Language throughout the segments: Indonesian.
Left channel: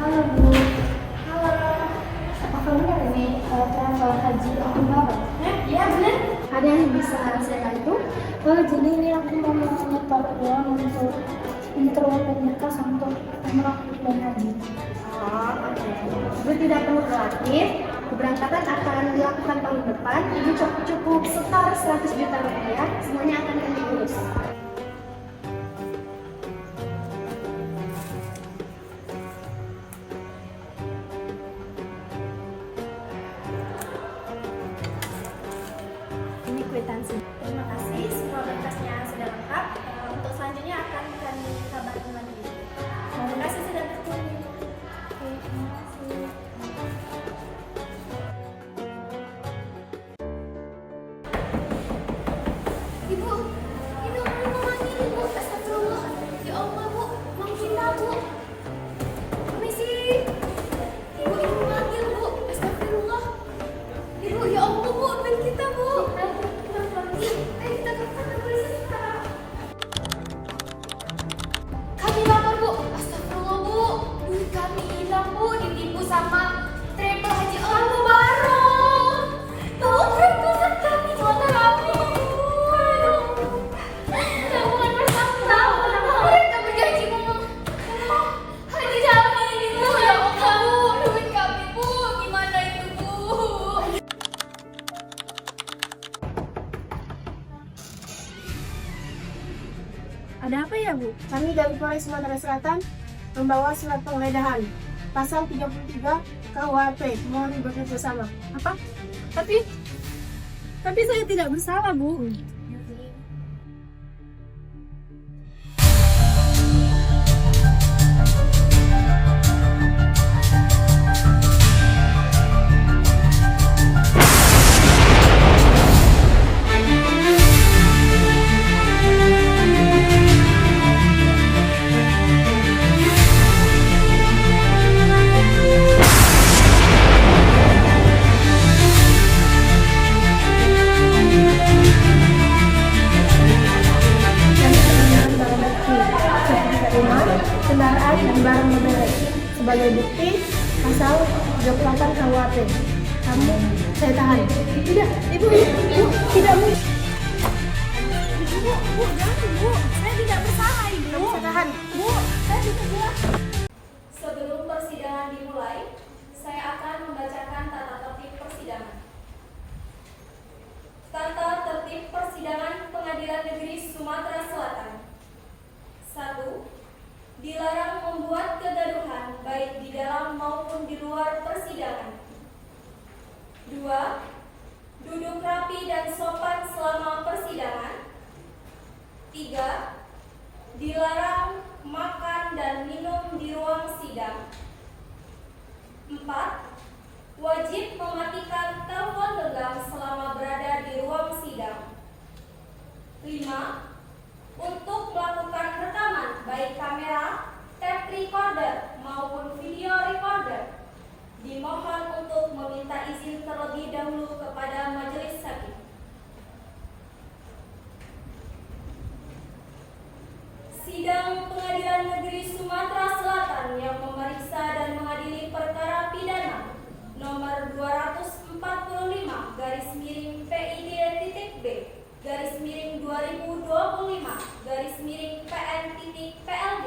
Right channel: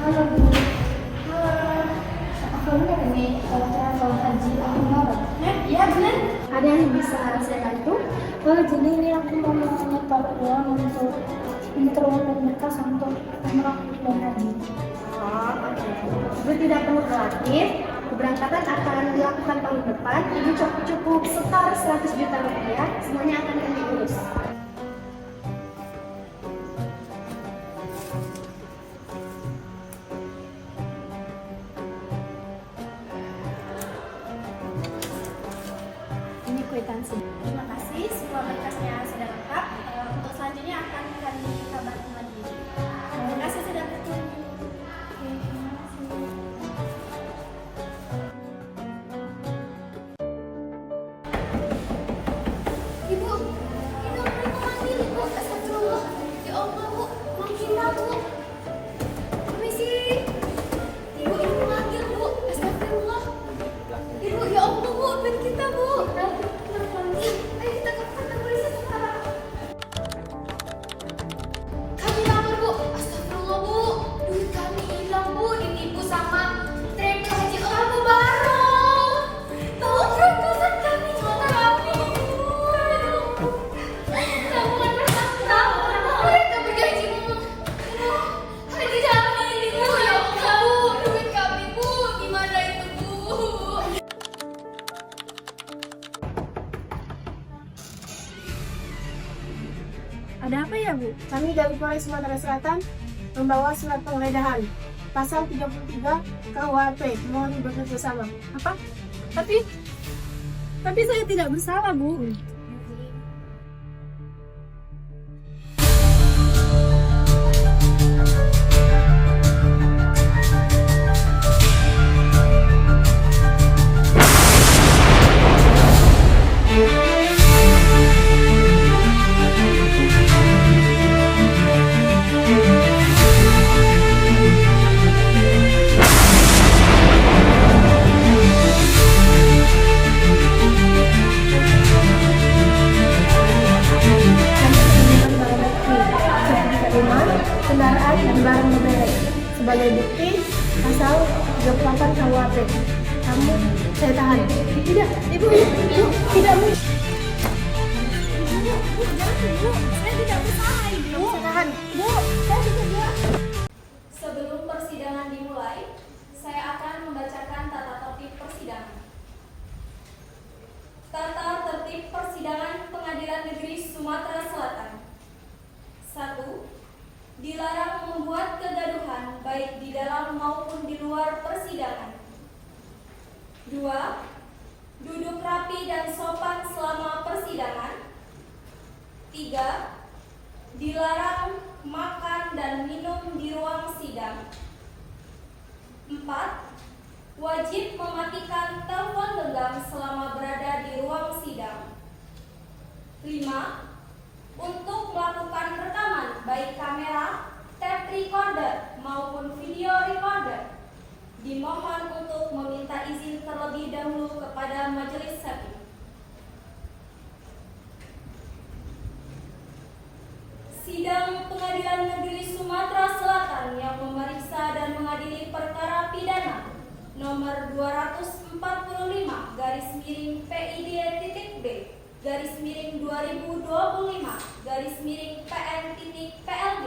Halo Bu. Halo. Aku benar ini travel haji aku bawa. Iya benar. Ada yang bisa saya bantu? Jadi ini aku mau menyetor uang untuk interval dan berkas untuk umroh dan haji. Oh, oke. Ibu tidak perlu khawatir. Keberangkatan akan dilakukan tahun depan. Ibu cukup setor 100 juta rupiah. Semuanya akan kami urus. Ini kwitansi. Terima kasih, semua berkasnya sudah lengkap. Untuk selanjutnya akan kami kabarin lagi. Terima kasih sudah berkunjung. Oke, terima kasih. Ibu, ini orang memanggil Ibu. Astagfirullah. Ya Allah, Bu. Mangkita, Bu. Permisi. Ibu, ini memanggil, Bu. Astagfirullah. Ibu, ya Allah, Bu. Dan kita, Bu. Ayo kita ke kantor polisi sekarang. Kami lapor, Bu. Astagfirullah, Bu. Duit kami hilang, Bu. Ditipu sama travel haji orang Mubarok. Tahu perasaan kami motor kami. Tabungan bersama. Mereka berjanji ngomong. Haji kami ini, Bu. Ya Allah, Bu. Duit kami, Bu. Gimana itu, Bu? Ada apa ya, Bu? Kami dari Polres Sumatera Selatan membawa surat penggeledahan pasal 33 KUHP. Mohon bekerja bersama. Apa? Tapi saya tidak bersalah, Bu. Kami menemukan barang bukti sertifikat rumah, kendaraan, dan barang bermerek. Sebagai bukti pasal 38 KUHP. Kamu saya tahan. Tidak, Ibu, tidak, Bu. Bu, jangan, Bu. Saya tidak bersalah, Ibu. Kamu saya tahan. Bu, saya tidak. Sebelum persidangan dimulai, saya akan membacakan tata tertib persidangan. Tata tertib persidangan Pengadilan Negeri Sumatera Selatan. 1. Dilarang membuat kegaduhan baik di dalam maupun di luar persidangan. 2. Duduk rapi dan sopan selama persidangan. 3. Dilarang makan dan minum di ruang sidang. 4. Wajib mematikan telepon genggam selama berada di ruang sidang. 5. Untuk melakukan rekaman baik kamera, tape recorder maupun video recorder, dimohon untuk meminta izin terlebih dahulu kepada majelis hakim. Sidang Pengadilan Negeri Sumatera Selatan yang memeriksa dan mengadili perkara pidana nomor 204/B/2025/PN-PN-PLG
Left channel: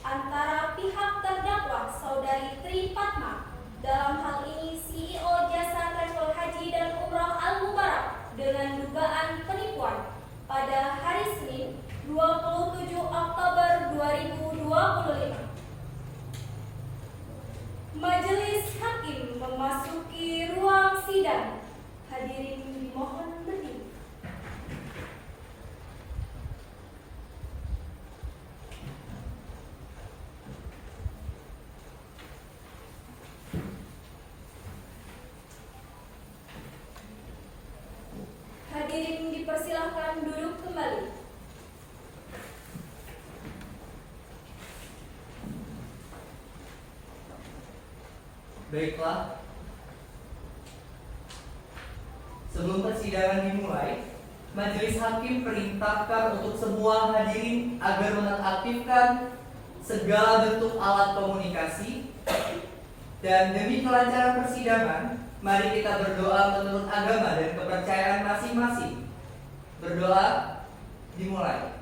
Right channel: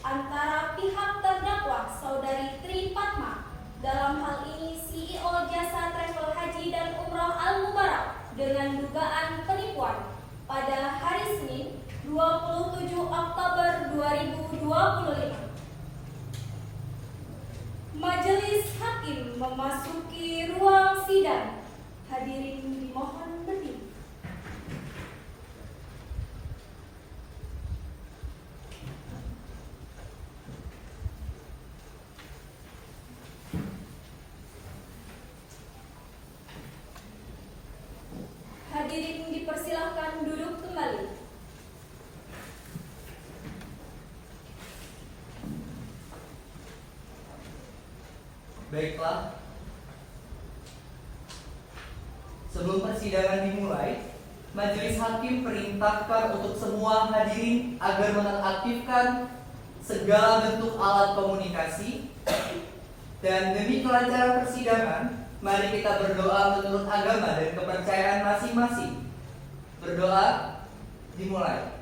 antara pihak terdakwa Saudari Tri Fatma, dalam hal ini CEO Jasa Travel Haji dan Umroh Al Mubarak, dengan dugaan penipuan pada hari Senin 27 Oktober 2025. Majelis Hakim memasuki ruang sidang. Hadirin dimohon berdiri. Hadirin dipersilakan duduk kembali. Baiklah, sebelum persidangan dimulai, Majelis Hakim perintahkan untuk semua hadirin agar menonaktifkan segala bentuk alat komunikasi Dan demi kelancaran persidangan, mari kita berdoa menurut agama dan kepercayaan masing-masing. Berdoa dimulai.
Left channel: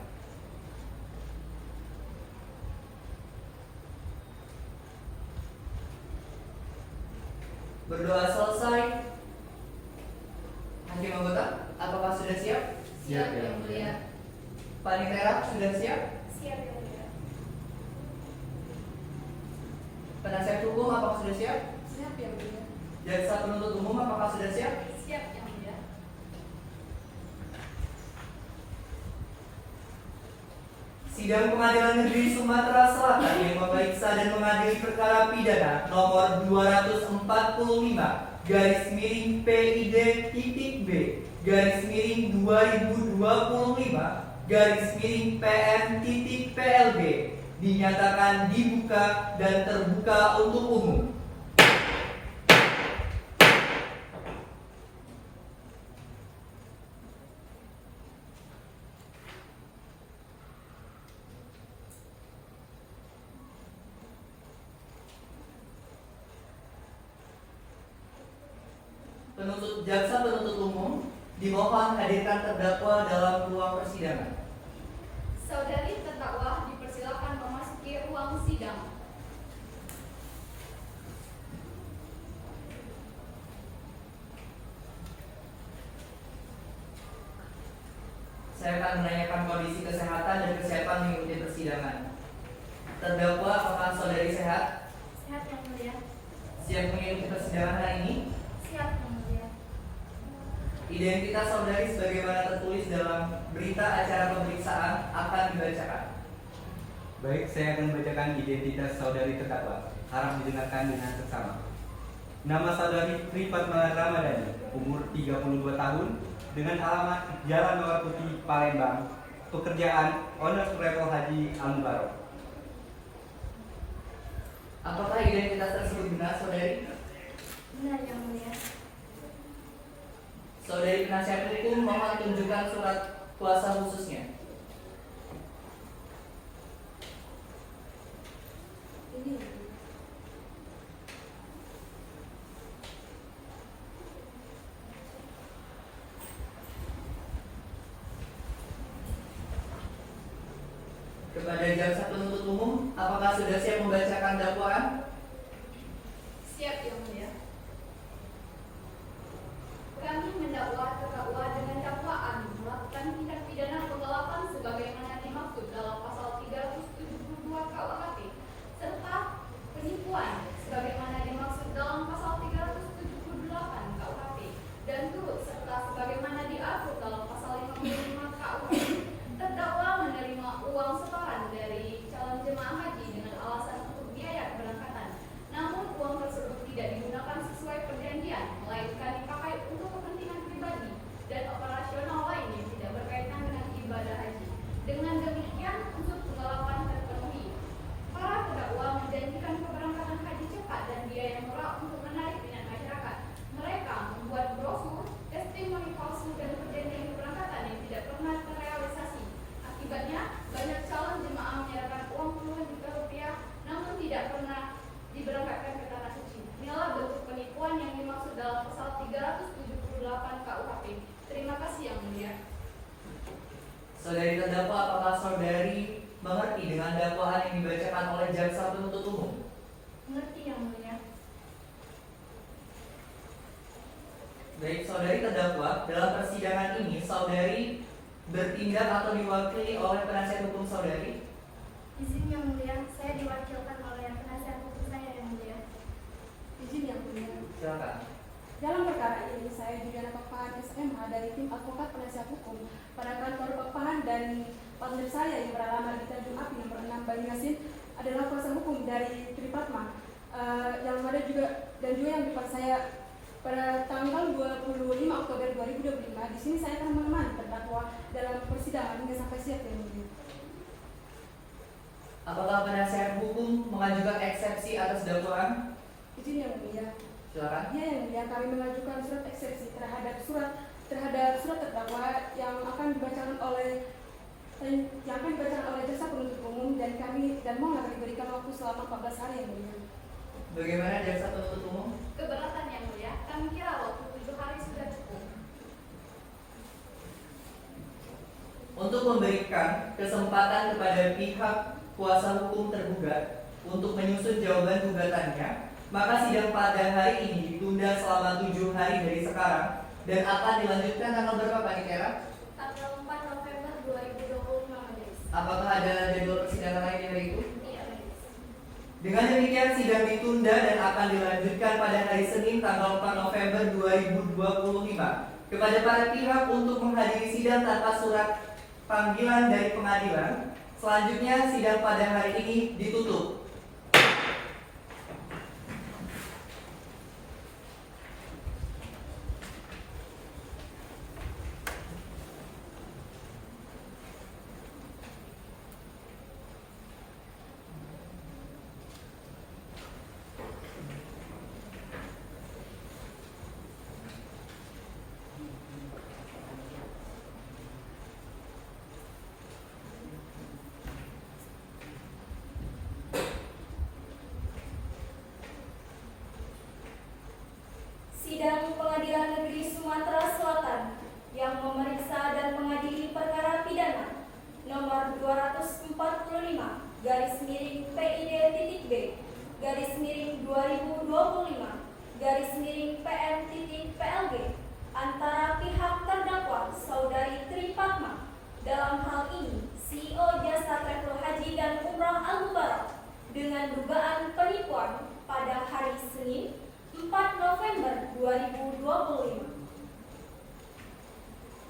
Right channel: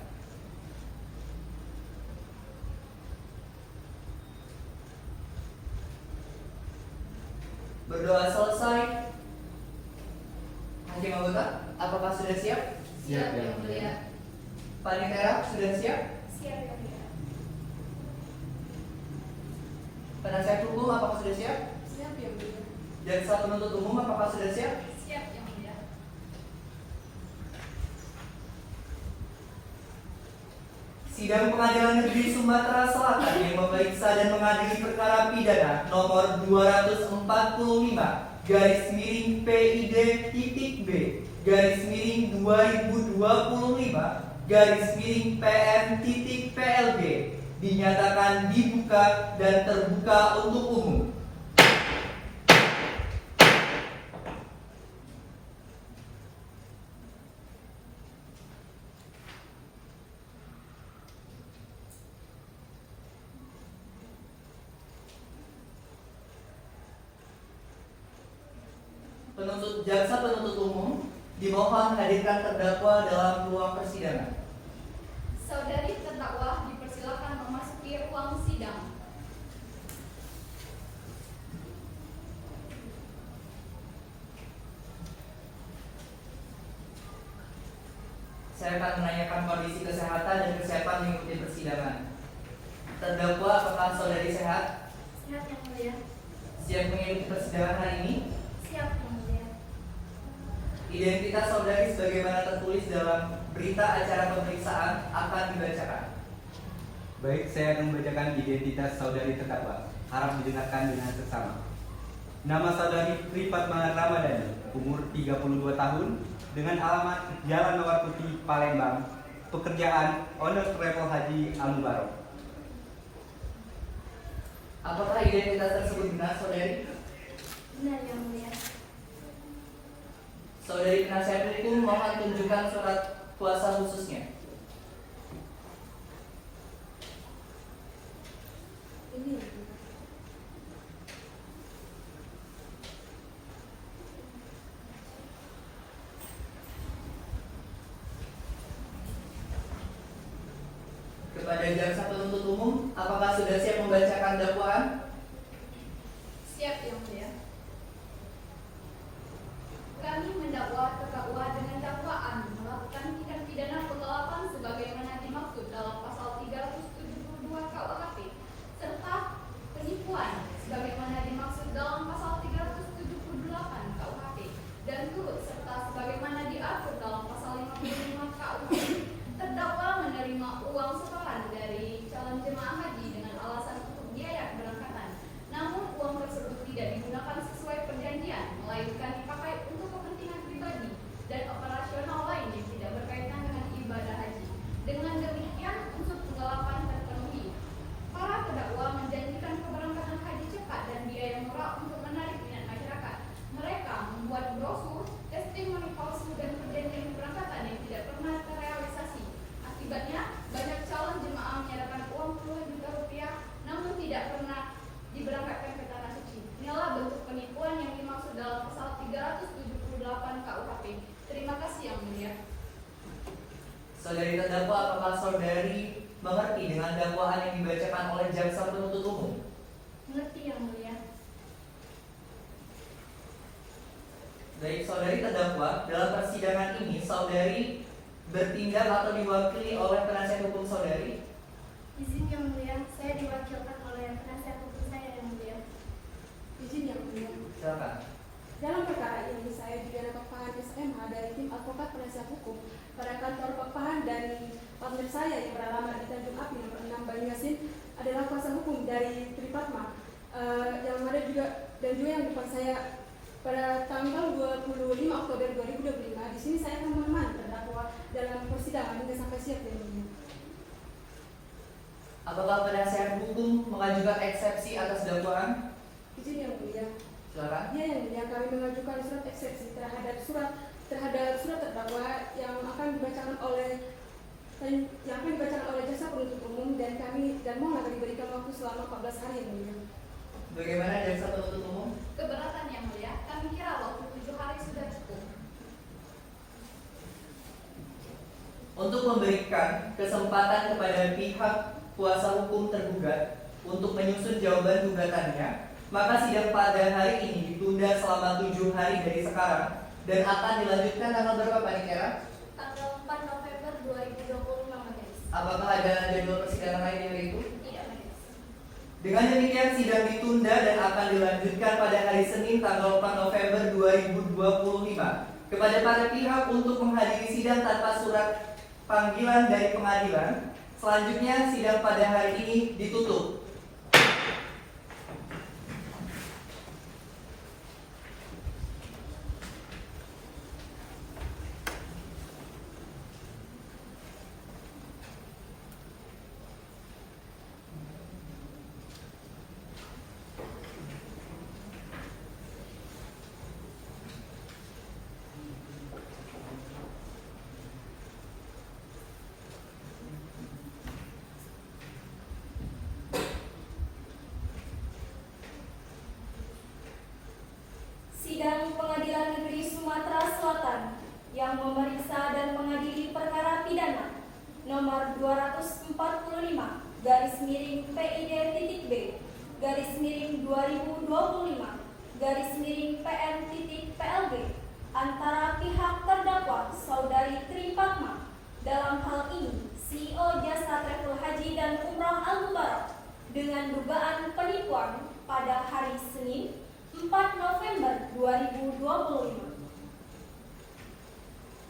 Berdoa selesai. Hakim anggota, apakah sudah siap? Siap, Yang Mulia. Panitera sudah siap? Siap, Yang Mulia. Penasihat hukum apakah sudah siap? Siap, Yang Mulia. Jaksa penuntut umum apakah sudah siap? Siap, Yang Mulia. Sidang Pengadilan Negeri Sumatera Selatan yang memeriksa dan mengadili perkara pidana nomor 245 garis miring PID.B garis miring 2025 garis miring PM.PLB dinyatakan dibuka dan terbuka untuk umum. Jaksa penuntut umum dimohon hadirkan terdakwa dalam ruang persidangan. Saudari terdakwa dipersilakan memasuki ruang sidang. Saya akan menanyakan kondisi kesehatan dan kesiapan mengikuti persidangan. Terdakwa, apakah saudari sehat? Sehat Yang Mulia. Siap mengikuti persidangan hari ini? Siap Yang Mulia. Identitas saudari sebagaimana tertulis dalam berita acara pemeriksaan akan dibacakan. Baik, saya akan membacakan identitas saudari terdakwa. Harap didengarkan dengan seksama. Nama saudari Tri Fatma Ramadhani, umur 32 tahun, dengan alamat Jalan Mawar Putih, Palembang. Pekerjaan owner travel Haji Al-Mubarak. Apakah identitas tersebut benar, saudari? Benar Yang Mulia. Saudari penasihat hukum mohon tunjukkan surat kuasa khususnya. Ini. Kepada jaksa penuntut umum, apakah sudah siap membacakan dakwaan? Siap, Yang Mulia. Kami mendakwa terdakwa dengan dakwaan melakukan tindak pidana penggelapan sebagaimana dimaksud dalam pasal 372 KUHP serta penipuan sebagaimana dimaksud dalam pasal 378 KUHP dan turut serta sebagaimana diatur dalam pasal 55 KUHP. Terdakwa menerima uang setoran dari calon jemaah haji dengan alasan untuk biaya keberangkatan. Namun uang tersebut tidak digunakan sesuai perjanjian, melainkan dipakai untuk kepentingan pribadi dan operasional lain yang tidak berkaitan dengan ibadah haji. Dengan demikian, unsur penggelapan terpenuhi. Para terdakwa menjanjikan keberangkatan haji cepat dan biaya murah untuk menarik minat masyarakat. Mereka membuat brosur, testimoni palsu dan perjanjian keberangkatan yang tidak pernah terrealisasi. Akibatnya, banyak calon jemaah menyerahkan uang puluhan juta rupiah, namun tidak pernah diberangkatkan ke tanah suci. Inilah bentuk penipuan yang dimaksud dalam pasal 378 KUHP. Terima kasih Yang Mulia. Saudari terdakwa, apakah saudari mengerti dengan dakwaan yang dibacakan oleh jaksa penuntut umum? Mengerti Yang Mulia. Baik, saudari terdakwa, dalam persidangan ini saudari bertindak atau diwakili oleh penasihat hukum saudari? Izin Yang Mulia, saya diwakilkan oleh penasihat hukum saya Yang Mulia. Izin Yang Mulia. Silakan. Dalam perkara ini, saya Juliana Papahan SMA dari tim advokat penasihat hukum pada kantor Papahan dan partner saya yang beralamat di Tanjung Api nomor 6 Banyuasin adalah kuasa hukum dari Tri Fatma yang ada juga dan juga yang depan saya pada tanggal 25 Oktober 2025. Di sini saya akan menemani terdakwa dalam persidangan hingga sampai siap Yang Mulia. Apakah penasihat hukum mengajukan eksepsi atas dakwaan? Izin Yang Mulia. Silakan. Iya, Yang Mulia, kami mengajukan surat eksepsi terhadap surat terdakwa yang akan dibacakan oleh jaksa penuntut umum dan mohon akan diberikan waktu selama 14 hari Yang Mulia. Bagaimana jaksa penuntut umum? Keberatan yang mulia, kami kira waktu 7 hari sudah cukup. Untuk memberikan kesempatan kepada pihak kuasa hukum tergugat untuk menyusun jawaban gugatannya, maka sidang pada hari ini ditunda selama 7 hari dari sekarang dan akan dilanjutkan tanggal berapa, Pak Nikera? Tanggal 4 November 2025, Majelis. Apakah ada jadwal persidangan lain di hari itu? Tidak, Majelis. Dengan demikian sidang ditunda dan akan dilanjutkan pada hari Senin tanggal 4 November 2025. Kepada para pihak untuk menghadiri sidang tanpa surat panggilan dari pengadilan. Selanjutnya sidang pada hari ini ditutup. Sidang Pengadilan Negeri Sumatera Selatan yang memeriksa dan mengadili perkara pidana nomor 245 garis miring PID.B garis miring 2025 garis miring PM.PLG antara pihak terdakwa Saudari Tri Fatma, dalam hal ini CEO Jasa Travel Haji dan Umrah Al-Mubarak, dengan dugaan penipuan pada hari Senin 4 November 2025.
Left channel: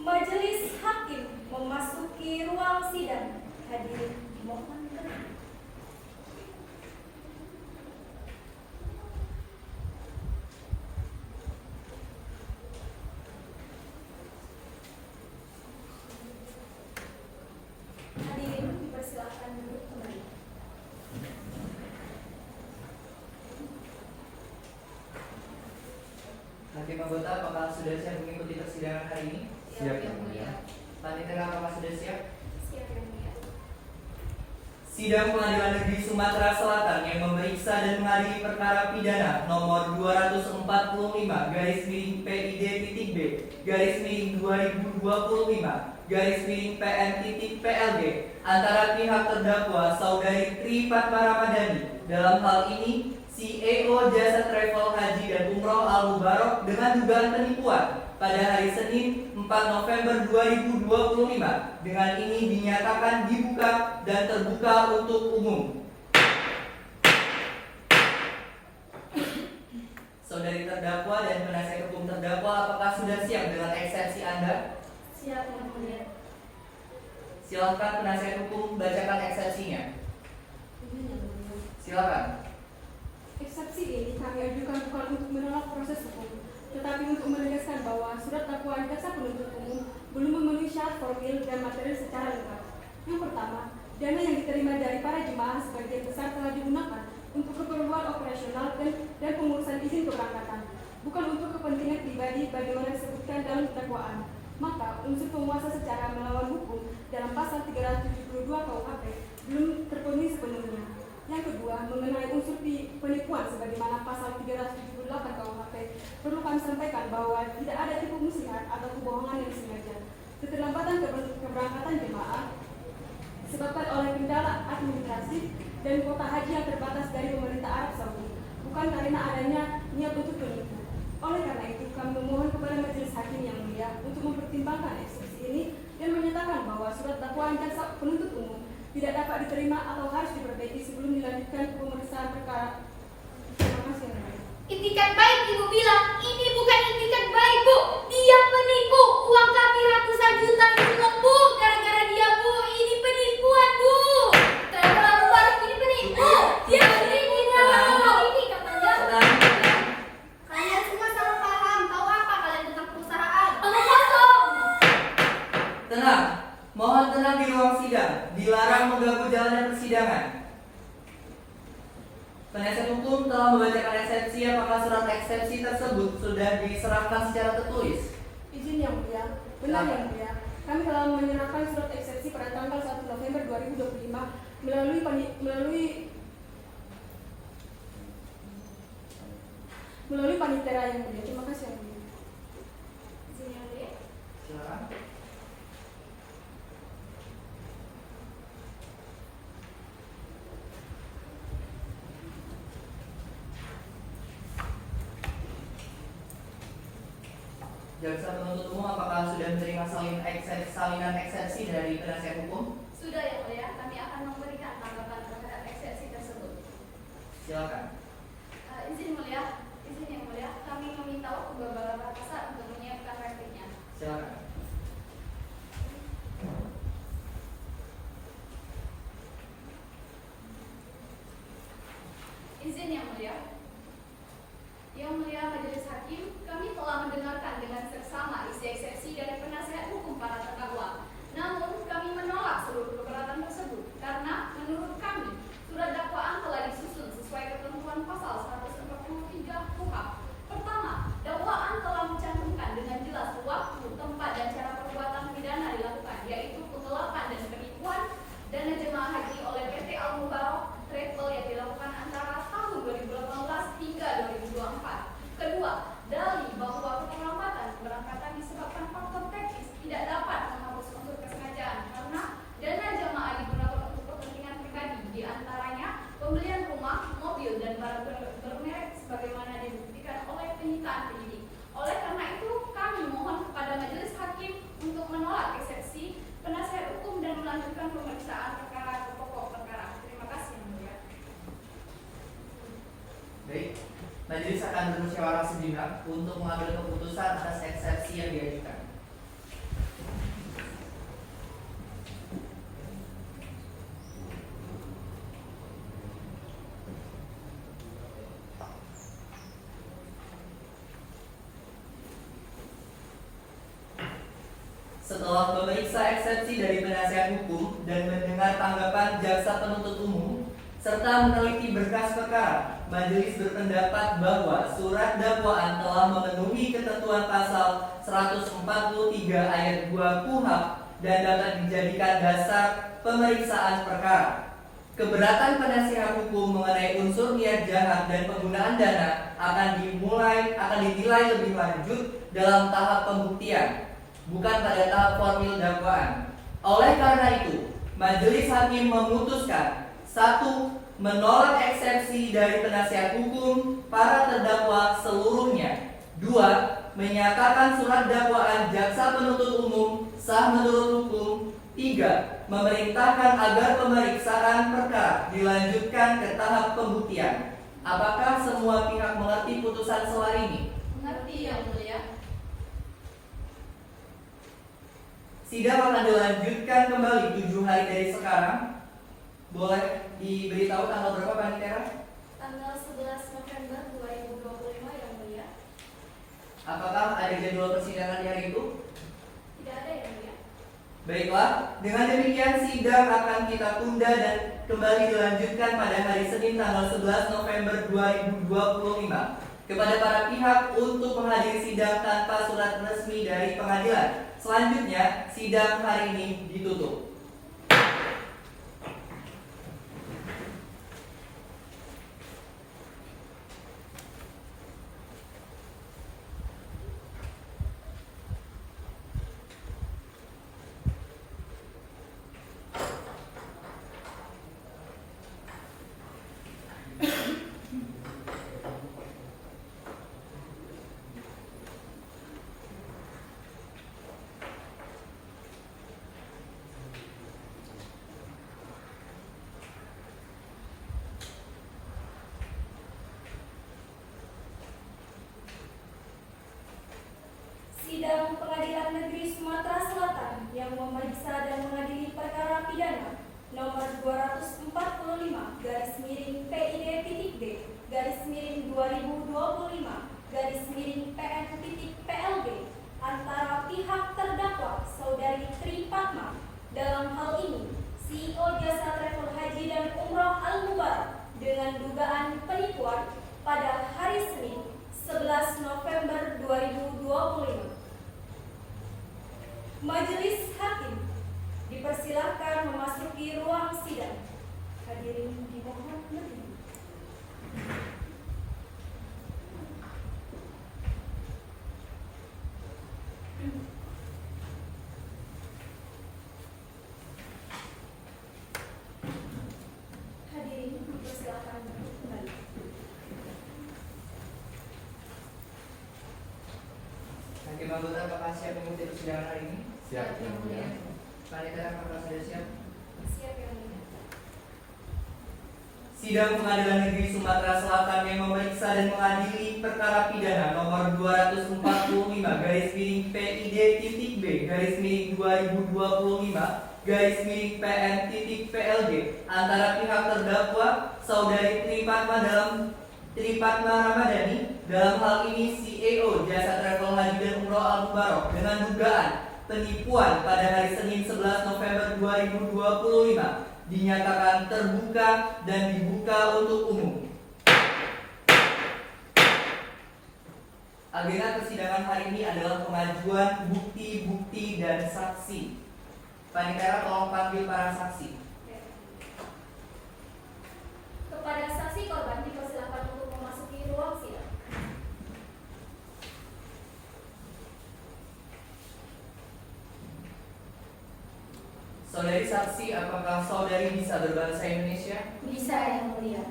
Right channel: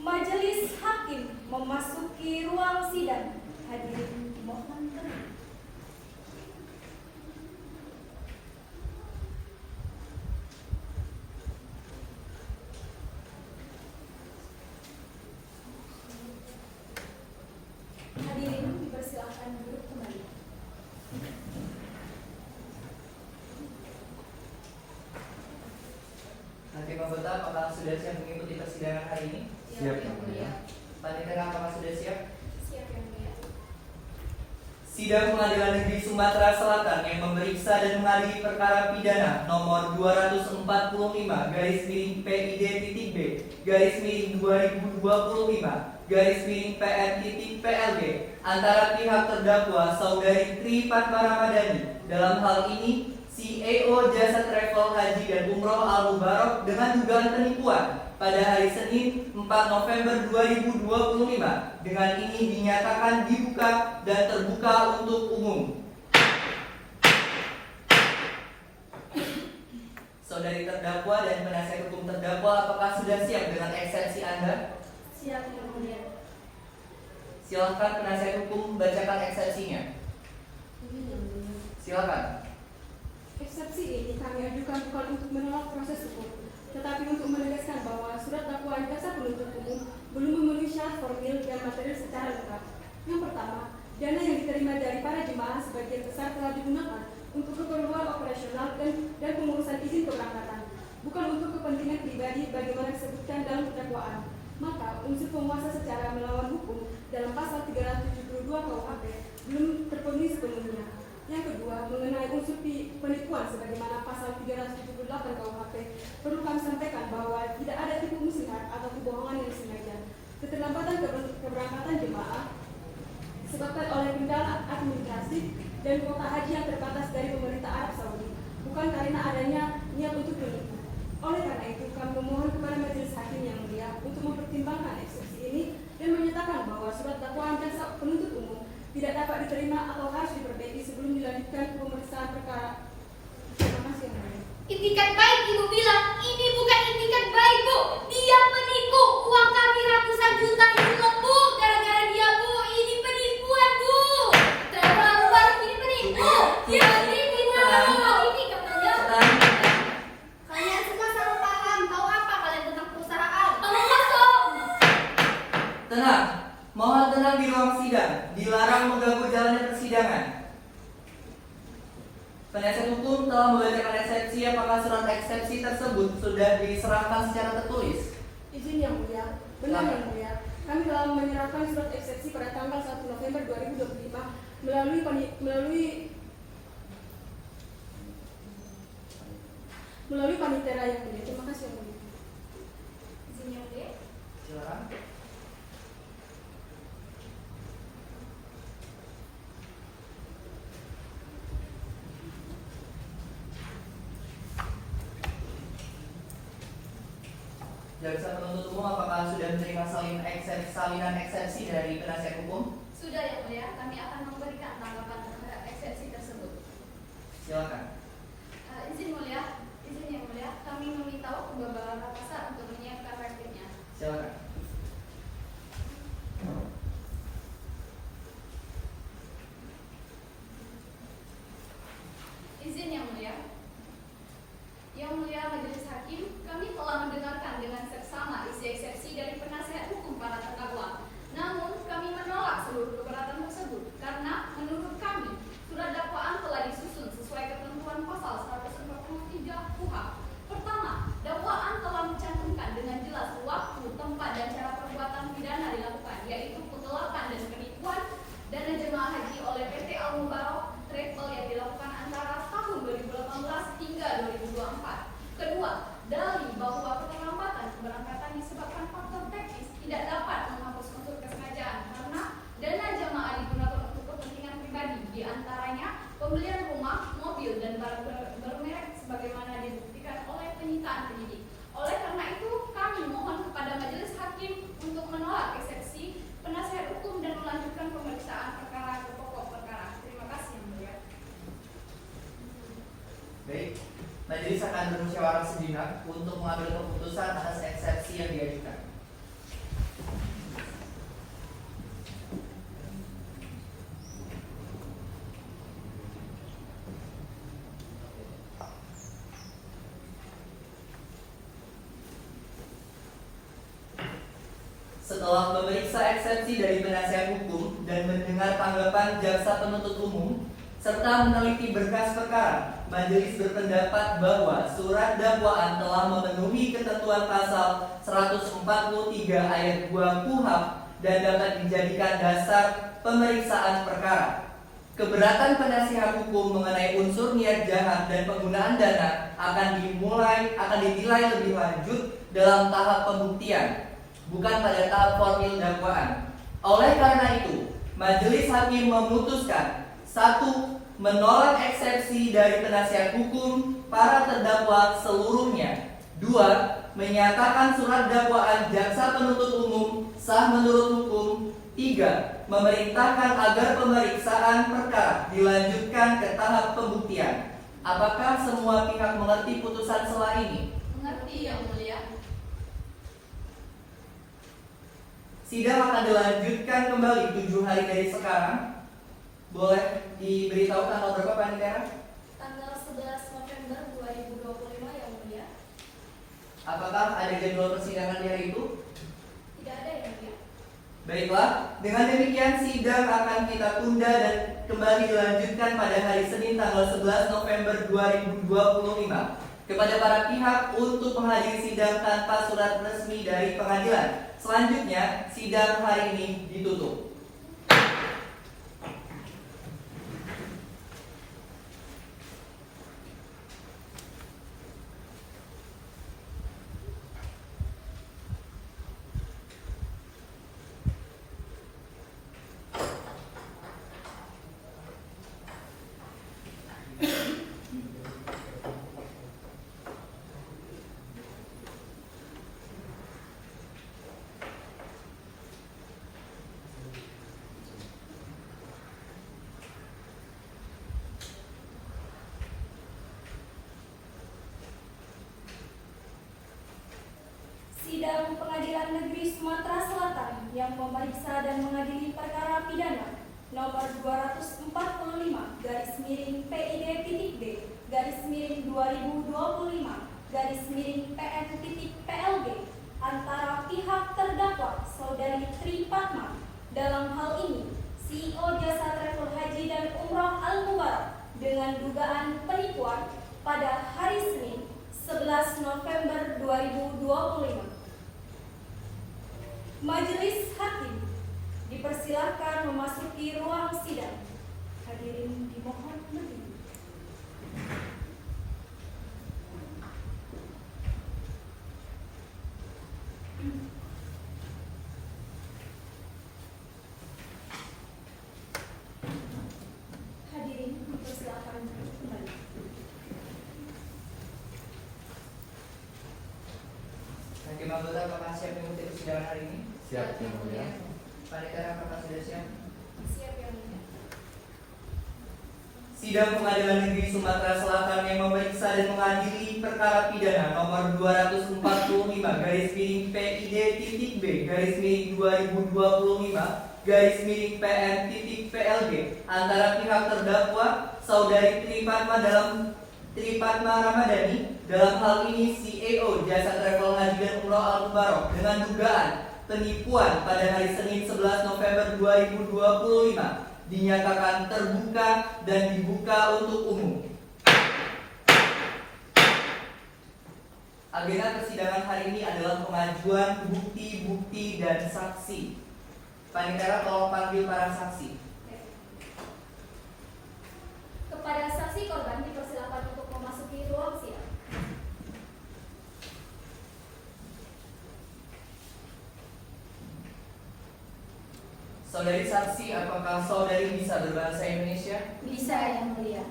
Majelis Hakim memasuki ruang sidang. Hadirin mohon tenang. Hadirin persilakan duduk kembali. Hakim anggota, apakah sudah siap mengikuti persidangan hari ini? Siap, Yang Mulia. Pak Nikera, apakah sudah siap? Siap yang mulia. Sidang Pengadilan Negeri Sumatera Selatan yang memeriksa dan mengadili perkara pidana nomor 245 garis miring PID.B garis miring 2025 garis miring PM.PLG antara pihak terdakwa Saudari Tri Fatma Ramadhani, dalam hal ini CEO Jasa Travel Haji dan Umroh Al-Mubarak, dengan dugaan penipuan pada hari Senin 4 November 2025. Dengan ini dinyatakan dibuka dan terbuka untuk umum. Saudari terdakwa dan penasihat hukum terdakwa, apakah sudah siap dengan eksepsi Anda? Siap yang mulia. Silakan penasihat hukum bacakan eksepsinya. Silakan. Eksepsi ini kami ajukan bukan untuk menolak proses hukum, tetapi untuk menegaskan bahwa surat dakwaan jaksa penuntut umum belum memenuhi syarat formil dan materi secara lengkap. Yang pertama, dana yang diterima dari para jemaah sebagian besar telah digunakan untuk keperluan operasional dan pengurusan izin keberangkatan, bukan untuk kepentingan pribadi bagaimana disebutkan dalam dakwaan. Maka unsur penguasa secara melawan hukum dalam pasal 372 KUHP belum terpenuhi sepenuhnya. Yang kedua, mengenai unsur penipuan sebagaimana pasal 378 KUHP, perlu kami sampaikan bahwa tidak ada tipu muslihat atau kebohongan yang disengaja. Keterlambatan keberangkatan jemaah disebabkan oleh kendala administratif dan kuota haji yang terbatas dari pemerintah Arab Saudi, bukan karena adanya niat untuk menipu. Oleh karena itu, kami memohon kepada Majelis Hakim yang mulia untuk mempertimbangkan eksepsi ini dan menyatakan bahwa surat dakwaan jaksa penuntut umum tidak dapat diterima atau harus diperbaiki sebelum dilanjutkan pemeriksaan perkara. Terima kasih, Yang Mulia. Itikat baik Ibu bilang, ini bukan itikat baik Bu. Dia penipu, uang kami ratusan juta cukup Bu. Gara-gara dia Bu, ini penipuan Bu. Terlalu ini penipu. Dia penipu. Ini katanya. Kalian semua sama paham, tahu apa kalian tentang perusahaan? Kosong. Tenang, mohon tenang di ruang sidang. Dilarang mengganggu jalannya persidangan. Penasihat hukum telah membacakan eksepsi. Apakah surat eksepsi tersebut sudah diserahkan secara tertulis? Izin Yang Mulia, benar Yang Mulia. Kami telah menyerahkan surat eksepsi pada tanggal 1 November 2025 melalui melalui panitera yang mulia. Terima kasih yang mulia. Izin yang mulia. Silakan. Jaksa penuntut umum apakah sudah menerima salinan eksepsi dari penasihat hukum? Sudah yang mulia, kami akan memberikan tanggapan terhadap eksepsi tersebut. Silakan. Izin yang mulia, kami meminta waktu beberapa saat untuk menyiapkan rekeningnya. Silakan. Izin yang mulia. Yang mulia Majelis Hakim, kami telah mendengarkan dengan seksama isi eksepsi dari penasihat hukum para terdakwa. Namun, kami menolak seluruh keberatan tersebut karena menurut kami surat dakwaan telah disusun sesuai ketentuan pasal 143 KUHP. Pertama, dakwaan telah mencantumkan dengan jelas waktu, tempat, dan cara perbuatan pidana dilakukan, yaitu penggelapan dan penipuan dana jemaah haji oleh PT Al Mubarak Travel yang dilakukan antara tahun 2018 hingga 2024. Kedua, dalih bahwa keterlambatan keberangkatan disebabkan faktor teknis tidak dapat menghapus unsur kesengajaan karena dana jemaah digunakan untuk kepentingan pribadi, diantaranya pembelian rumah, mobil, dan barang bermerek sebagaimana dibuktikan oleh penyitaan penyidik. Oleh karena itu, kami mohon kepada Majelis Hakim untuk menolak eksepsi penasihat hukum dan melanjutkan pemeriksaan perkara ke pokok perkara. Terima kasih, Yang Mulia. Baik, majelis akan bermusyawarah sejenak untuk mengambil keputusan atas eksepsi yang diajukan. Setelah memeriksa eksepsi dari penasihat hukum dan mendengar tanggapan jaksa penuntut umum serta meneliti berkas perkara, majelis berpendapat bahwa surat dakwaan telah memenuhi ketentuan pasal 143 ayat 2 KUHP dan dapat dijadikan dasar pemeriksaan perkara. Keberatan penasihat hukum mengenai unsur niat jahat dan penggunaan dana akan dinilai lebih lanjut dalam tahap pembuktian, bukan pada tahap formil dakwaan. Oleh karena itu, majelis hakim memutuskan: 1. Menolak eksepsi dari penasihat hukum para terdakwa seluruhnya. 2. Menyatakan surat dakwaan jaksa penuntut umum sah menurut hukum. 3. Memerintahkan agar pemeriksaan perkara dilanjutkan ke tahap pembuktian. Apakah semua pihak mengerti putusan selah ini? Mengerti, Yang Mulia. Sidang akan dilanjutkan kembali 7 hari dari sekarang. Boleh diberitahu tanggal berapa, Panitera? Tanggal 11 November 2025, Yang Mulia. Apakah ada jadwal persidangan di hari itu? Tidak ada, Yang Mulia. Baiklah, dengan demikian sidang akan kita tunda dan kembali dilanjutkan pada hari Senin tanggal 11 November 2025 kepada para pihak untuk menghadiri sidang tanpa surat resmi dari pengadilan. Selanjutnya, sidang hari ini ditutup. Sidang Pengadilan Negeri Sumatera Selatan yang memeriksa dan mengadili perkara pidana nomor 204/5/PID-2025/PN-PLB antara pihak terdakwa Saudari Tripatma, dalam hal ini CEO Jasa Travel Haji dan Umroh Al Mubarak, dengan dugaan penipuan pada hari Senin 11 November 2025. Majelis Hakim dipersilakan memasuki ruang sidang. Hadirin dimohon berdiri. anggota apakah siap mengikuti persidangan hari ini? Siap yang mulia. Panitera apakah sudah siap? Siap yang mulia. Sidang Pengadilan Negeri Sumatera Selatan yang memeriksa dan mengadili perkara pidana nomor 245 garis miring PID titik B garis miring 2025 garis miring PN titik PLG antara pihak terdakwa Saudari Tripatma Ramadhani dalam hal ini CEO Jasa Travel Haji dan Umroh Al Mubarok dengan dugaan penipuan pada hari Senin 11 November 2025 dinyatakan terbuka dan dibuka untuk umum. Agenda persidangan hari ini adalah pengajuan bukti-bukti dan saksi. Panitera tolong panggil para saksi. Kepada saksi korban dipersilakan untuk memasuki ruang sidang. Saudari saksi, apakah saudari bisa berbahasa Indonesia? Bisa yang mulia.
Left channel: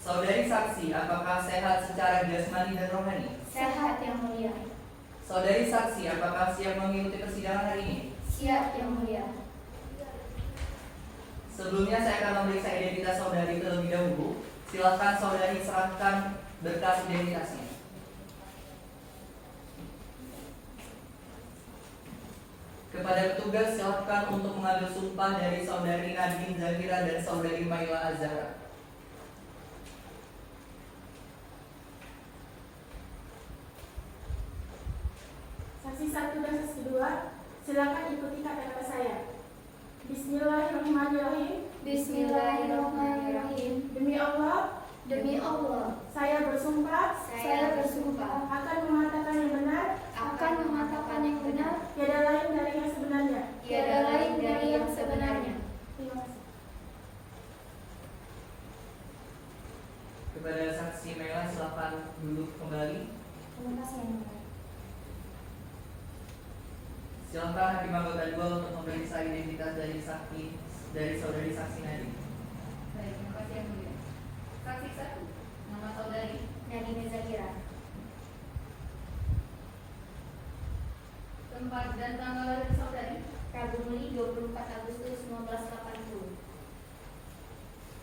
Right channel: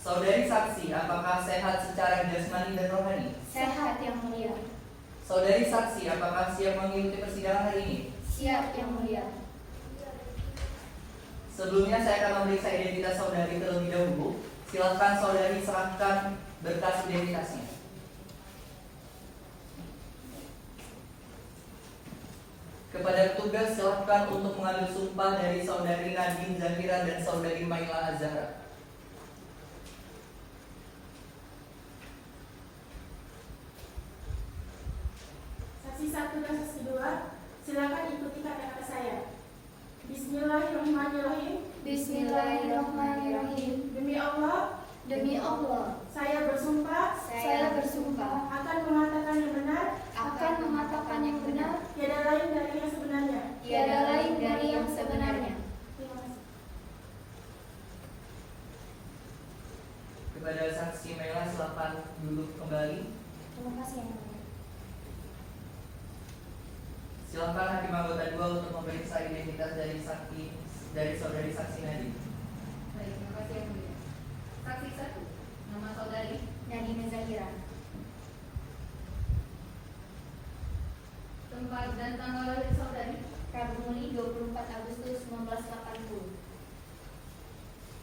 Saudari saksi, apakah sehat secara jasmani dan rohani? Sehat yang mulia. Saudari saksi, apakah siap mengikuti persidangan hari ini? Siap yang mulia. Sebelumnya saya akan memeriksa identitas saudari terlebih dahulu. Silakan saudari serahkan berkas identitasnya. Kepada petugas silakan untuk mengambil sumpah dari saudari Nadine Zahira dan saudari Maila Azhara. Saksi 1 dan saksi 2, silakan ikuti kata-kata saya. Bismillahirrahmanirrahim. Bismillahirrahmanirrahim. Demi Allah, Demi Allah, saya bersumpah saya bersumpah akan mengatakan yang benar, akan mengatakan yang benar, tiada lain dari yang sebenarnya. tiada lain dari yang sebenarnya. Terima kasih. Kepada saksi Maila silakan duduk kembali. Terima kasih yang mulia. Silakan hakim anggota 2 untuk memeriksa identitas dari saudari saksi Nadine. Baik, terima kasih yang mulia. Saksi 1, nama saudari. Nadine Zahira. Tempat dan tanggal lahir saudari. Rabu Mei 24 Agustus 1980.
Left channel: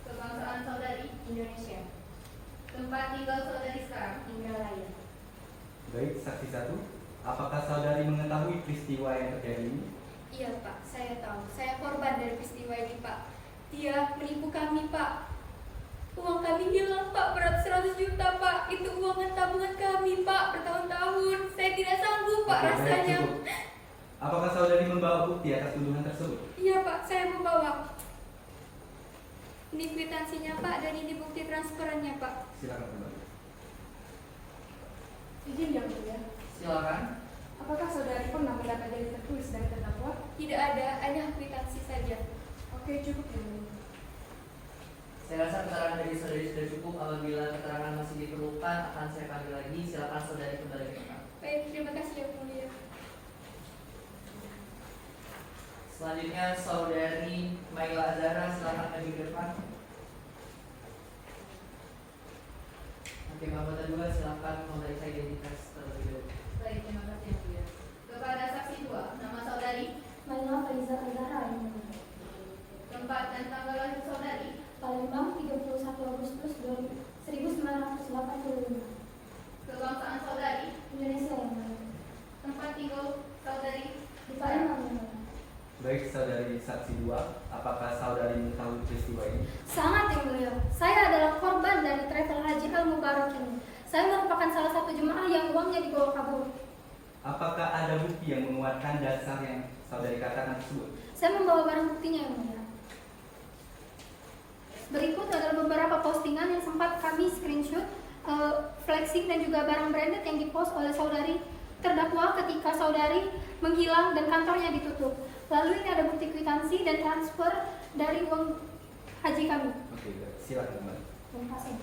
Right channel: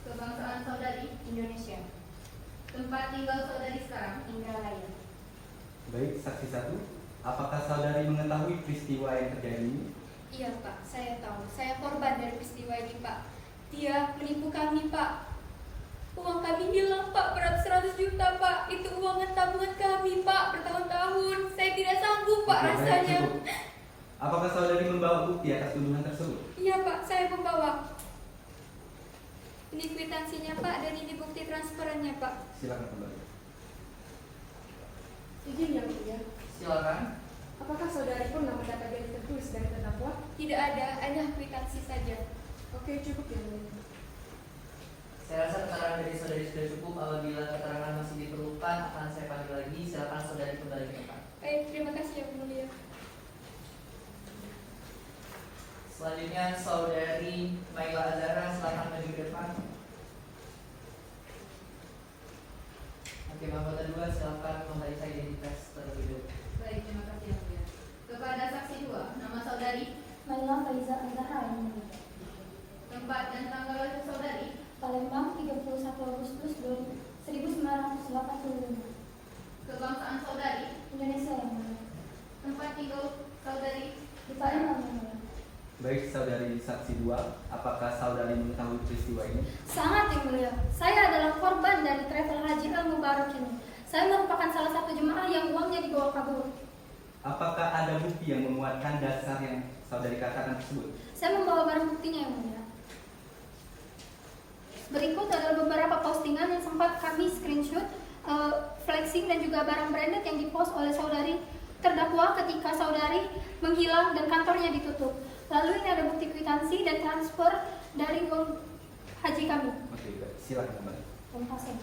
Kebangsaan saudari. Indonesia. Tempat tinggal saudari sekarang. Indralaya. Baik, saksi 1. Apakah saudari mengetahui peristiwa yang terjadi ini? Iya Pak, saya tahu. Saya korban dari peristiwa ini Pak. Dia menipu kami Pak. Uang kami hilang Pak, berat 100 juta Pak. Itu uang tabungan kami Pak, bertahun-tahun. Saya tidak sanggup Pak Oke, baik, rasanya. cukup. Apakah saudari membawa bukti atas tuduhan tersebut? Iya Pak, saya membawa. Ini kwitansinya Pak dan ini bukti transferannya Pak. Silakan kembali. Izin yang mulia. Silakan. Apakah saudari pernah mendapat dari tertulis dari terdakwa? Tidak ada, hanya kwitansi saja. Oke, cukup yang mulia. Saya rasa keterangan dari saudari sudah cukup. Apabila keterangan masih diperlukan akan saya panggil lagi. Silakan saudari kembali ke depan. Baik, terima kasih ya mulia. Selanjutnya saudari Maila Azhara silakan maju ke depan. Hakim anggota 2 silakan memeriksa identitas terlebih dahulu. Baik, terima kasih yang mulia. Kepada saksi 2, nama saudari. Maila Faiza Azhara yang mulia. Tempat dan tanggal lahir saudari. Palembang 31 Agustus 1985. Kebangsaan saudari. Indonesia yang mulia. Tempat tinggal saudari. Di Palembang yang mulia. Baik, saudari saksi 2. Apakah saudari mengetahui peristiwa ini? Sangat yang mulia. Saya adalah korban dari travel haji Al Mubarok ini. Saya merupakan salah satu jemaah yang uangnya dibawa kabur. Apakah ada bukti yang menguatkan dasar yang saudari katakan tersebut? Saya membawa barang buktinya yang mulia. Berikut adalah beberapa postingan yang sempat kami screenshot, flexing dan juga barang branded yang dipost oleh saudari terdakwa ketika saudari menghilang dan kantornya ditutup. Lalu ini ada bukti kwitansi dan transfer dari uang haji kami. Oke, baik. Silakan kembali. Terima kasih.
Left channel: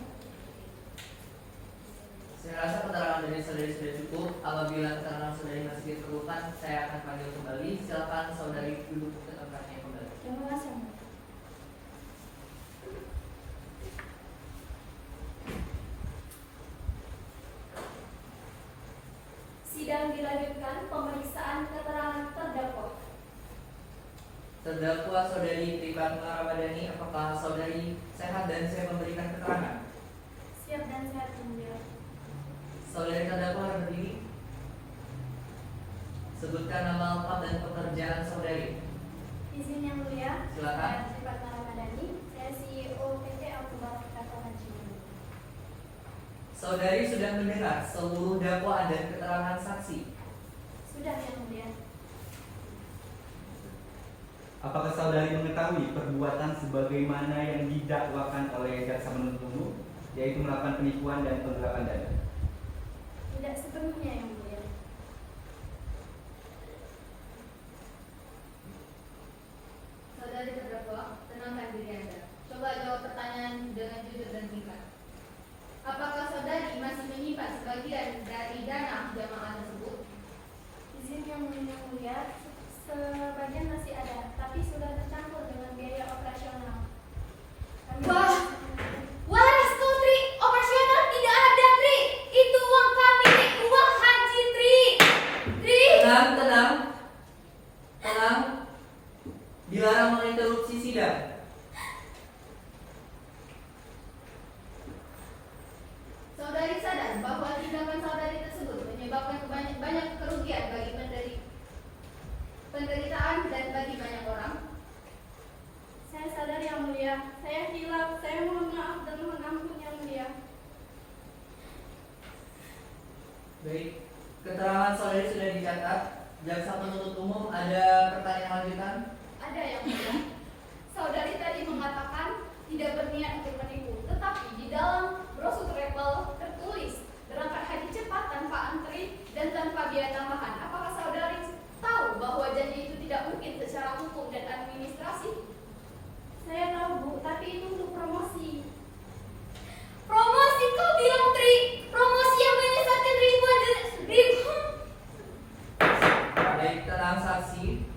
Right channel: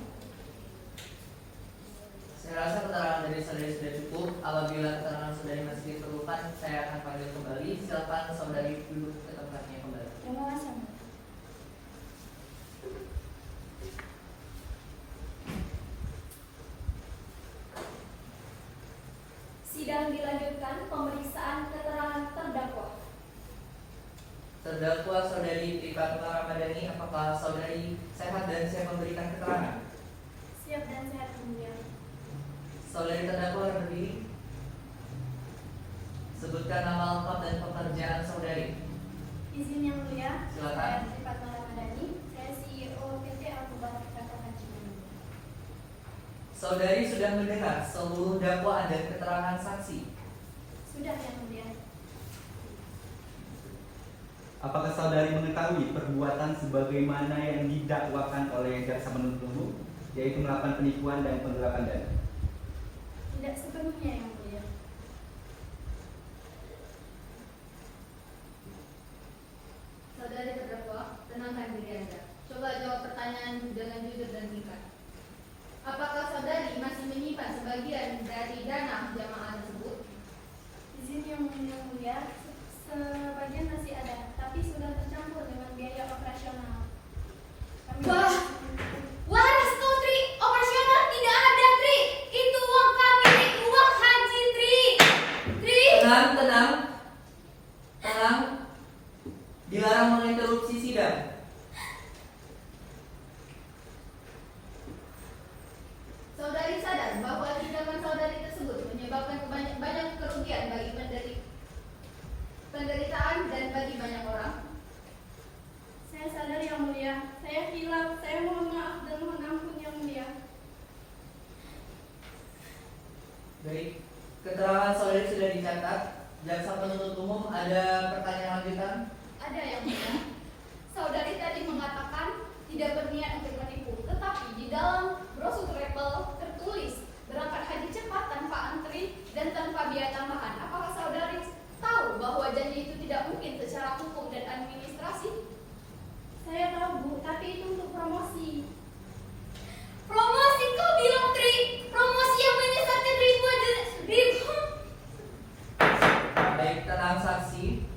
Saya rasa keterangan dari saudari sudah cukup. Apabila keterangan saudari masih diperlukan, saya akan panggil kembali. Silakan saudari duduk ke tempatnya kembali. Terima kasih. Sidang dilanjutkan. Terdakwa Saudari Trifatma Ramadhani, apakah saudari sehat dan siap memberikan keterangan? Siap dan sehat yang mulia. Saudari terdakwa berdiri. Sebutkan nama lengkap dan pekerjaan saudari. Izin yang mulia. Silakan. Saya Trifatma Ramadhani. Saya CEO PT Alkubar Kata Haji. Saudari sudah mendengar seluruh dakwaan dan keterangan saksi. Sudah yang mulia. Apakah saudari mengetahui perbuatan sebagaimana yang didakwakan oleh jaksa penuntut umum, yaitu melakukan penipuan dan penggelapan dana? Tidak sepenuhnya yang mulia. Saudari terdakwa, tenangkan diri Anda. Coba jawab pertanyaan dengan jujur dan singkat. Apakah saudari masih menyimpan sebagian dari dana jamaah tersebut? Izin yang mulia. Sebagian masih ada, tapi sudah tercampur dengan biaya operasional. Wah, waras kau Tri, operasional tidak ada Tri. Itu uang kami, uang haji Tri. Tri. Tenang. Dilarang menginterupsi sidang. Saudari sadar bahwa tindakan saudari tersebut menyebabkan banyak kerugian bagi penderitaan dan bagi banyak orang. Saya sadar yang mulia. Saya hilaf. Saya mohon maaf dan mohon ampun yang mulia. Baik, keterangan saudari sudah dicatat. Jaksa penuntut umum ada pertanyaan lanjutan? Ada yang mulia. Saudari tadi mengatakan tidak berniat untuk menipu, tetapi di dalam brosur travel tertulis berangkat haji cepat tanpa antri dan tanpa biaya tambahan. Apakah saudari tahu bahwa janji itu tidak mungkin secara hukum dan administrasi? Saya tahu Bu, tapi itu untuk promosi. Promosi kau bilang Tri, promosi yang menyesatkan ribuan. Baik, tenang saksi.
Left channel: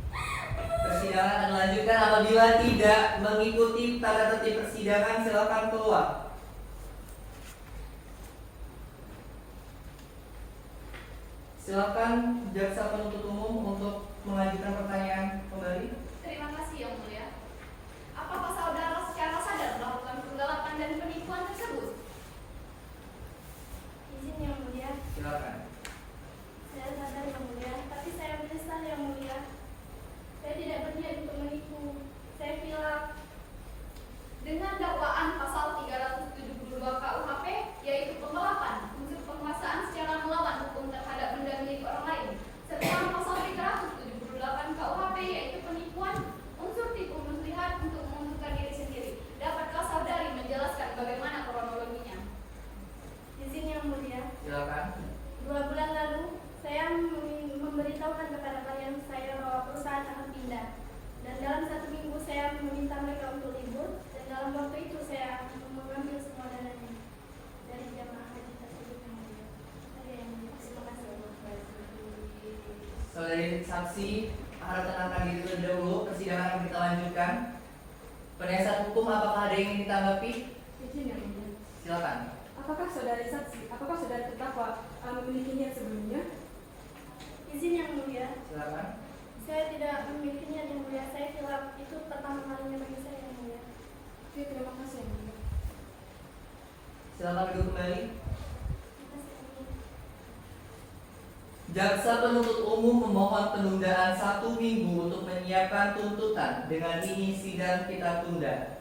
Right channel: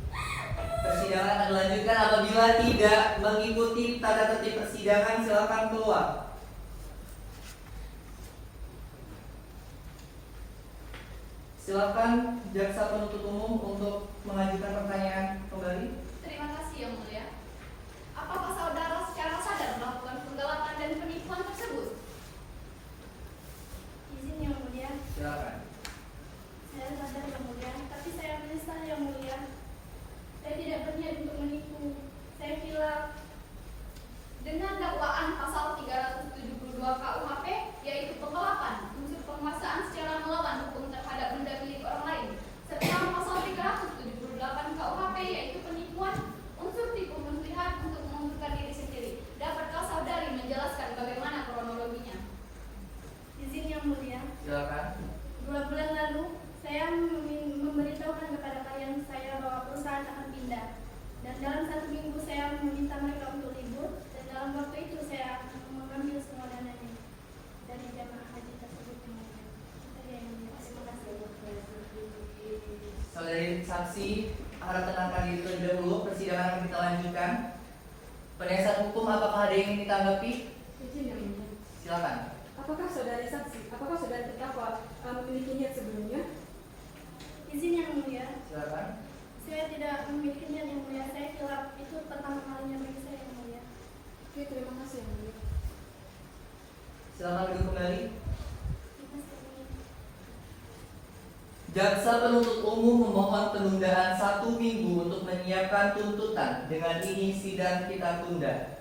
Persidangan akan dilanjutkan. Apabila tidak mengikuti tata tertib persidangan, silakan keluar. Silakan jaksa penuntut umum untuk mengajukan pertanyaan kembali. Terima kasih yang mulia. Apakah saudara secara sadar melakukan penggelapan dan penipuan tersebut? Izin yang mulia. Silakan. Saya sadar yang mulia, tapi saya menyesal yang mulia. Saya tidak berniat untuk menipu. Saya hilaf. Dengan dakwaan pasal 372 KUHP, yaitu penggelapan, unsur penguasaan secara melawan hukum terhadap benda milik orang lain, serta pasal 378 KUHP, yaitu penipuan, unsur tipu muslihat untuk menguntungkan diri sendiri. Dapatkah saudari menjelaskan bagaimana kronologinya? Izin yang mulia. Silakan. 2 bulan lalu, saya memberitahukan kepada klien saya bahwa perusahaan akan pindah. Dan dalam 1 minggu saya meminta mereka untuk libur. Dan dalam waktu itu saya mengambil semua dananya dari jamaah haji tersebut yang mulia. Saja yang mulia. Terima kasih. Saudari saksi, harap tenangkan diri terlebih dahulu. Persidangan akan kita lanjutkan. Penasihat hukum, apakah ada yang ingin ditanggapi? Izin yang mulia. Silakan. Apakah saudari terdakwa memiliki niat sebelumnya? Izin yang mulia. Silakan. Saya tidak memilikinya yang mulia. Saya hilaf. Itu pertama kalinya bagi saya yang mulia. Oke, terima kasih yang mulia. Silakan duduk kembali. Terima kasih yang mulia. Jaksa penuntut umum memohon penundaan 1 minggu untuk menyiapkan tuntutan. Dengan ini sidang kita tunda.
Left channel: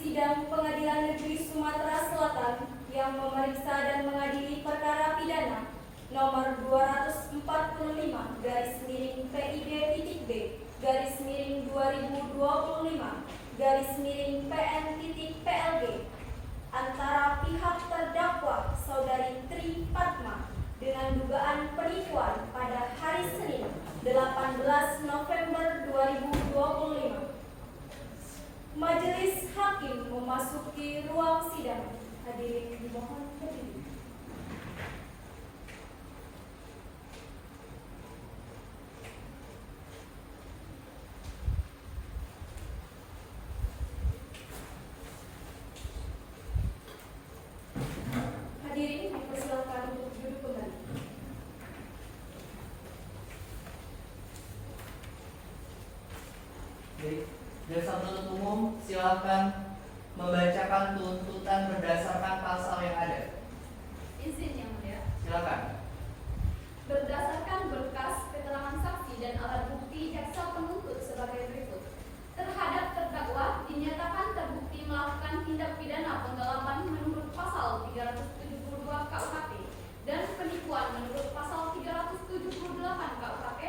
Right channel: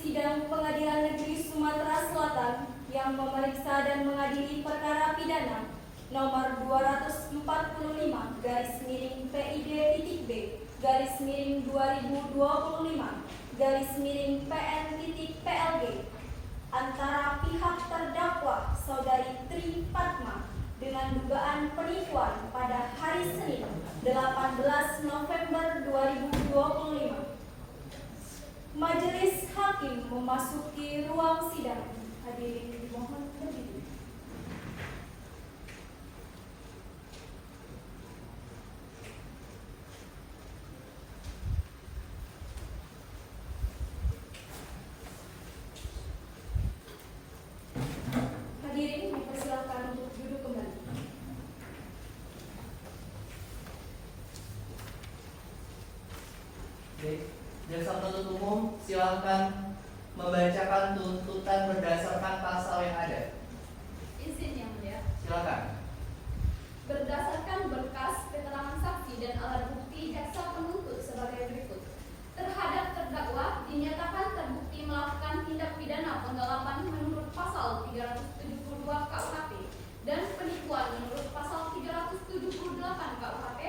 Sidang Pengadilan Negeri Sumatera Selatan yang memeriksa dan mengadili perkara pidana nomor 245 garis miring PID.B garis miring 2025 garis miring PN.PLG antara pihak terdakwa Saudari Tri Fatma dengan dugaan penipuan pada hari Senin 18 November 2025. Majelis Hakim memasuki ruang sidang. Hadirin dimohon berdiri. Hadirin dipersilakan untuk duduk kembali. Baik, jaksa penuntut umum silakan membacakan tuntutan berdasarkan pasal yang ada. Izin yang mulia. Silakan. Berdasarkan berkas keterangan saksi dan alat bukti jaksa penuntut sebagai berikut. Terhadap terdakwa dinyatakan terbukti melakukan tindak pidana penggelapan menurut pasal 372 KUHP dan penipuan menurut pasal 378 KUHP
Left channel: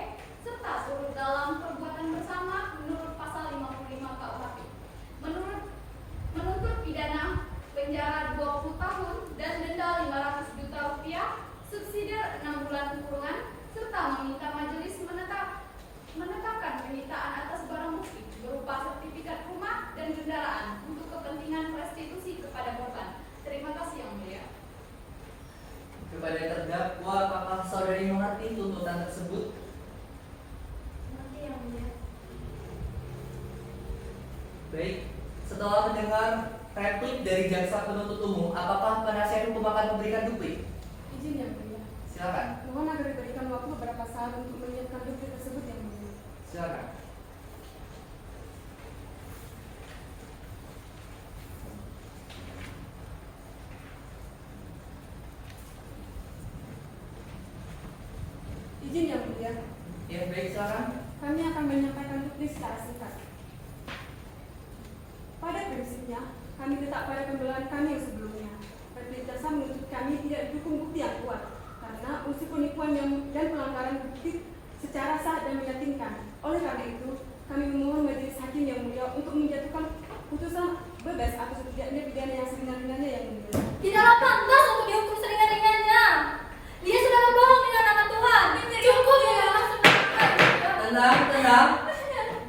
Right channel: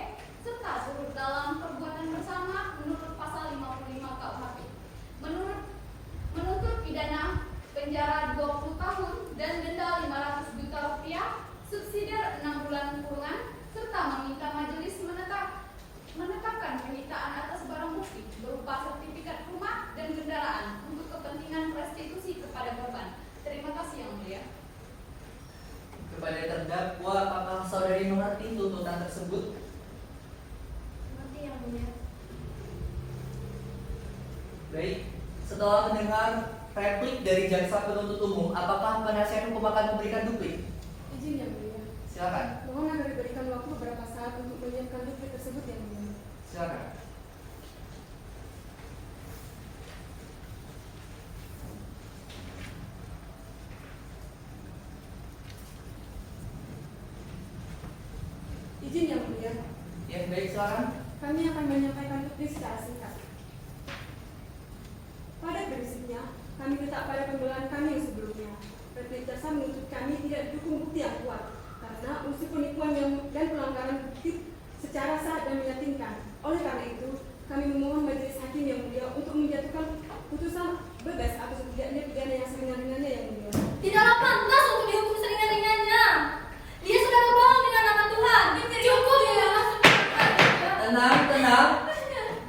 serta turut dalam perbuatan bersama menurut pasal 55 KUHP. Menuntut pidana penjara 20 tahun dan denda 500 juta rupiah, subsidiar 6 bulan kurungan, serta meminta majelis menetapkan penyitaan atas barang bukti berupa sertifikat rumah dan kendaraan untuk kepentingan restitusi kepada korban. Terima kasih yang mulia. Kepada terdakwa, apakah saudari mengerti tuntutan tersebut? Nanti yang mulia. Baik, setelah mendengar replik dari jaksa penuntut umum, apakah penasihat hukum akan memberikan duplik? Izin yang mulia. Silakan. Mohon agar diberikan waktu beberapa saat untuk menyiapkan duplik tersebut yang mulia. Silakan. Izin yang mulia. Ya, baik, silakan. Kami akan menyampaikan duplik secara singkat. Pada prinsipnya, kami tetap pada pembelaan kami yang sebelumnya. Replik jaksa menuntut kami tidak didukung bukti yang kuat, karena unsur penipuan dan pelanggaran bukti secara sah dan meyakinkan. Oleh karena itu, kami memohon majelis hakim yang mulia untuk menjatuhkan putusan bebas atas tidaknya pidana yang seringan-ringannya yang mulia. Tidaklah pantas untuk dihukum seringan-ringannya. Dia sudah berbohong dengan nama Tuhan. Cukup ya.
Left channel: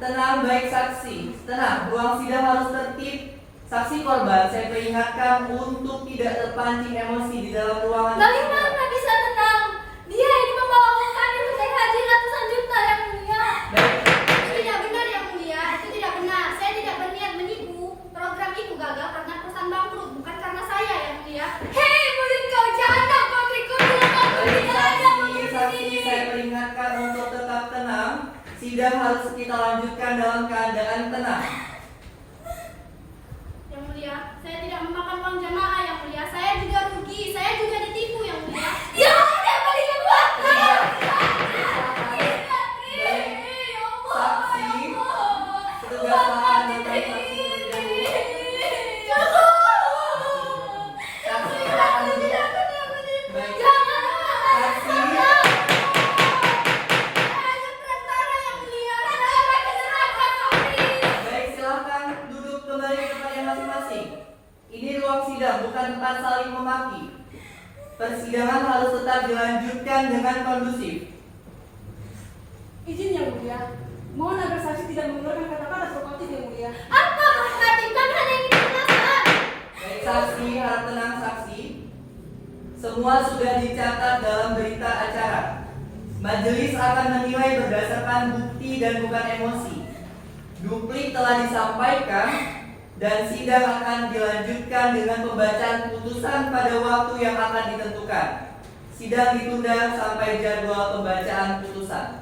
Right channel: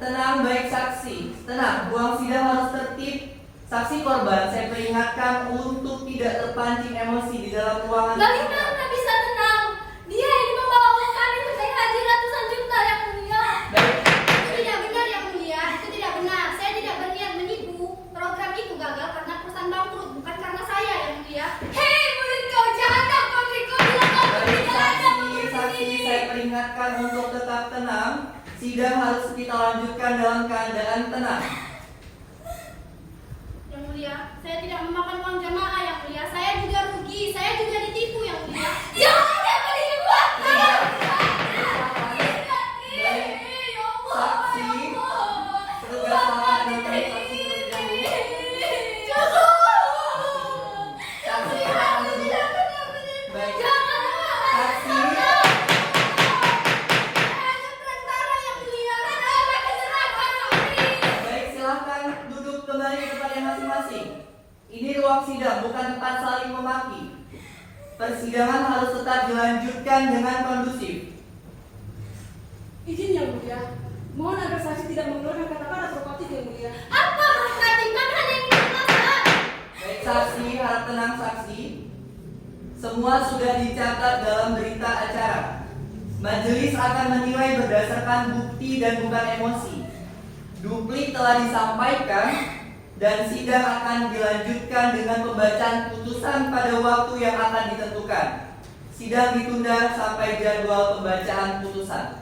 Tenang, baik saksi. Tenang, ruang sidang harus tertib. Saksi korban, saya peringatkan untuk tidak terpancing emosi di dalam ruangan. Bagaimana bisa tenang? Dia ini membawa uang kami untuk naik haji ratusan juta yang mulia. Baik. Itu tidak benar yang mulia. Itu tidak benar. Saya tidak berniat menipu. Program itu gagal karena perusahaan bangkrut, bukan karena saya yang mulia. Hei murid kau, jangan takut putriku. Baik, saksi, saya peringatkan untuk tetap tenang. Sidang harus kita lanjutkan dalam keadaan tenang. Yang mulia, saya tidak memakan uang jamaah yang mulia. Saya juga rugi, saya juga ditipu yang mulia. Ya ada paling uang saya. Saksi, petugas lapangan menemui saksi terlebih dahulu. Saksi, silakan duduk. Baik. Saksi, baik, silakan duduk kembali ke tempat masing-masing. Ini ruang sidang, bukan tempat saling memaki. Persidangan harus tetap dilanjutkan dengan kondusif. Izin yang mulia. Mohon agar saksi tidak menggunakan kata-kata provokatif yang mulia. Apa provokatif? Kan hanya yang dijelaskan. Baik, saksi, harap tenang saksi. Semua sudah dicatat dalam berita acara. Majelis akan menilai berdasarkan bukti dan bukan emosi. Duplik telah disampaikan dan sidang akan dilanjutkan dengan pembacaan putusan pada waktu yang akan ditentukan. Sidang ditunda sampai jadwal pembacaan putusan.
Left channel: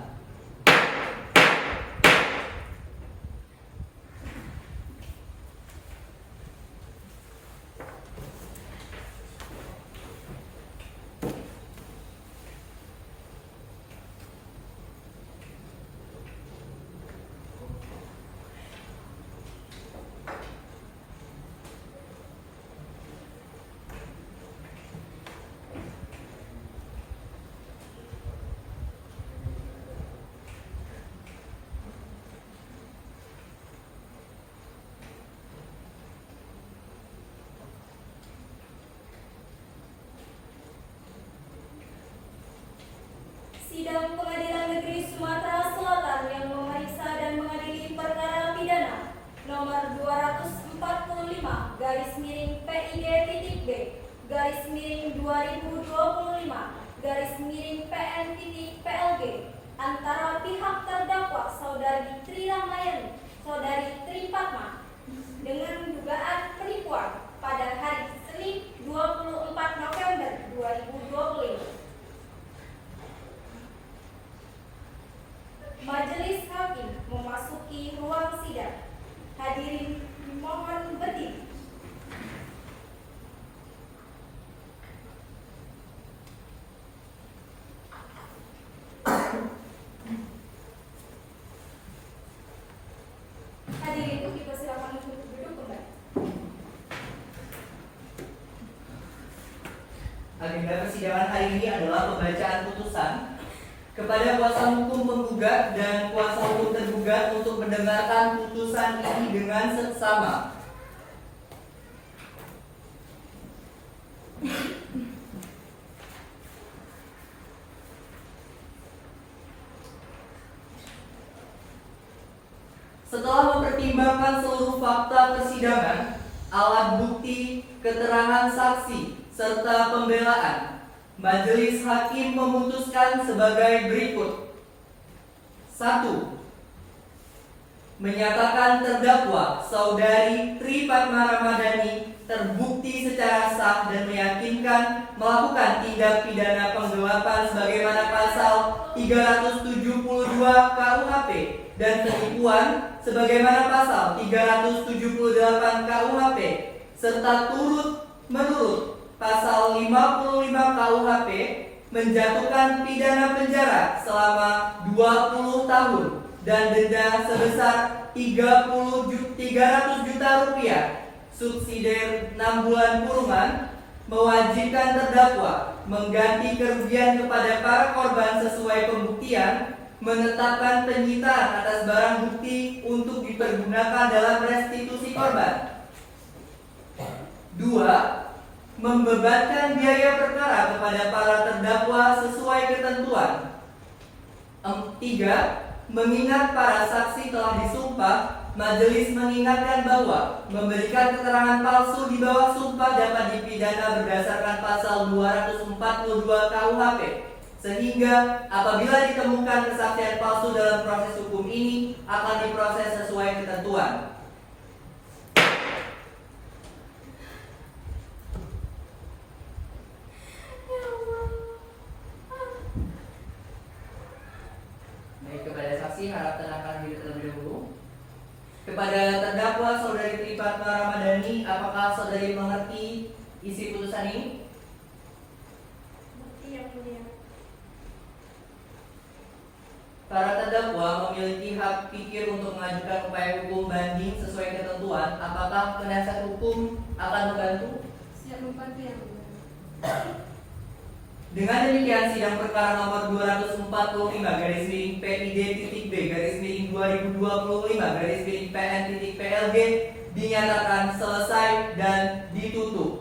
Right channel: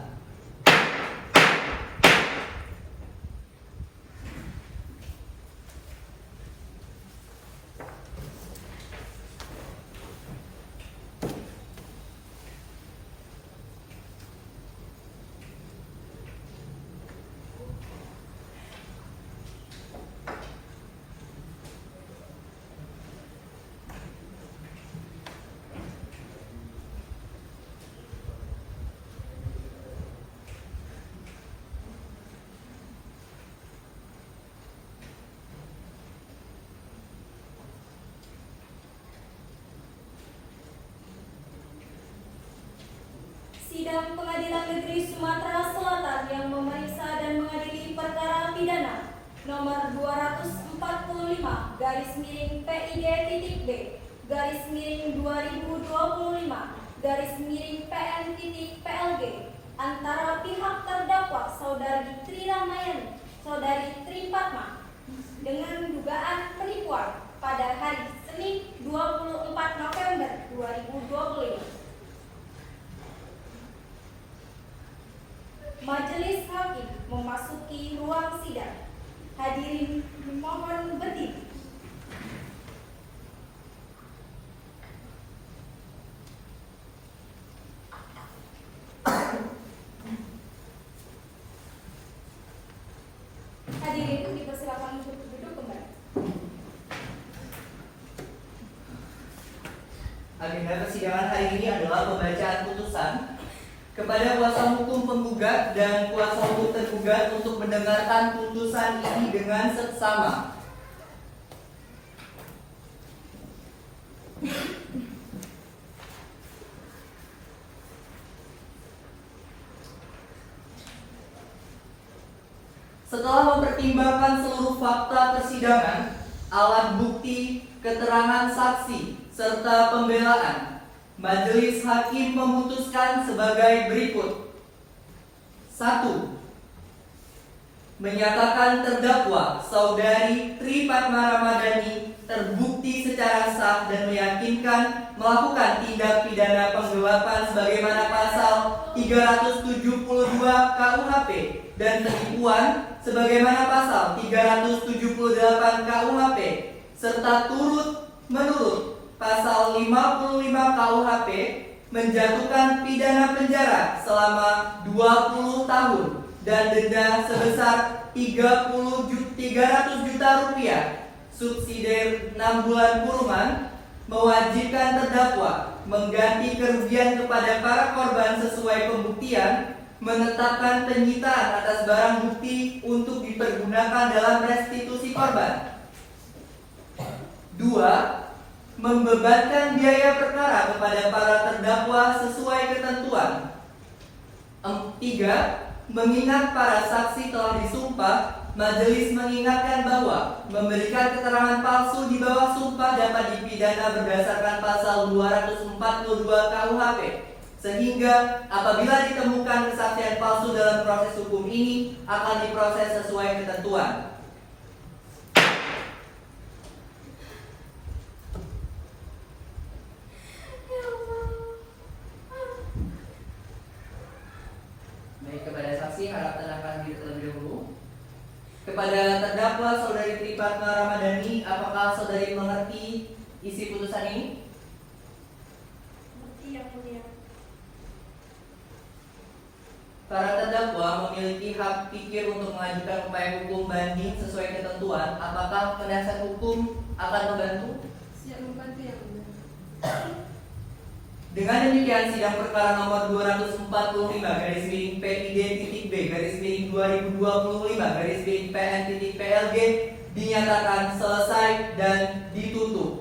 Negeri Sumatera Selatan yang memeriksa dan mengadili perkara pidana nomor 245 garis miring PID.B garis miring 2025 garis miring PN.PLG antara pihak terdakwa Saudari Tri Ramayani, Saudari Tri Fatma dengan dugaan penipuan pada hari Senin 24 November 2025. Majelis Hakim memasuki ruang sidang. Hadirin mohon berdiri. Hadirin dipersilakan untuk duduk kembali. Agenda persidangan hari ini adalah pembacaan putusan kepada kuasa hukum penggugat dan kuasa hukum tergugat untuk mendengarkan putusan ini dengan seksama. Setelah mempertimbangkan seluruh fakta persidangan, alat bukti, keterangan saksi, serta pembelaan, Majelis Hakim memutuskan sebagai berikut. 1. Menyatakan terdakwa Saudari Tri Fatma Ramadhani terbukti secara sah dan meyakinkan melakukan tindak pidana penggelapan sebagaimana pasal 372 KUHP dan penipuan sebagaimana pasal 378 KUHP serta turut menurut pasal 55 KUHP menjatuhkan pidana penjara selama 20 tahun dan denda sebesar 300 juta rupiah, subsidiar 6 bulan kurungan, mewajibkan terdakwa mengganti kerugian kepada para korban sesuai pembuktian, menetapkan penyitaan atas barang bukti untuk dipergunakan dalam restitusi korban. 2. Membebankan biaya perkara kepada para terdakwa sesuai ketentuan. 3. Mengingat para saksi telah disumpah, majelis mengingatkan bahwa memberikan keterangan palsu di bawah sumpah dapat dipidana berdasarkan pasal 242 KUHP. Sehingga apabila ditemukan kesaksian palsu dalam proses hukum ini akan diproses sesuai ketentuan. Baik, kepada saksi harap tenangkan diri terlebih dahulu. Kepada terdakwa Saudari Tri Fatma Ramadhani, apakah saudari mengerti isi putusan ini? Yang mulia. Para terdakwa memiliki hak pikir untuk mengajukan upaya hukum banding sesuai ketentuan. Apakah penasihat hukum akan membantu? Siap membantu yang mulia. Dengan demikian, sidang perkara nomor 245 garis miring PID.B garis miring 2025 garis miring PN.PLG dinyatakan selesai dan ditutup.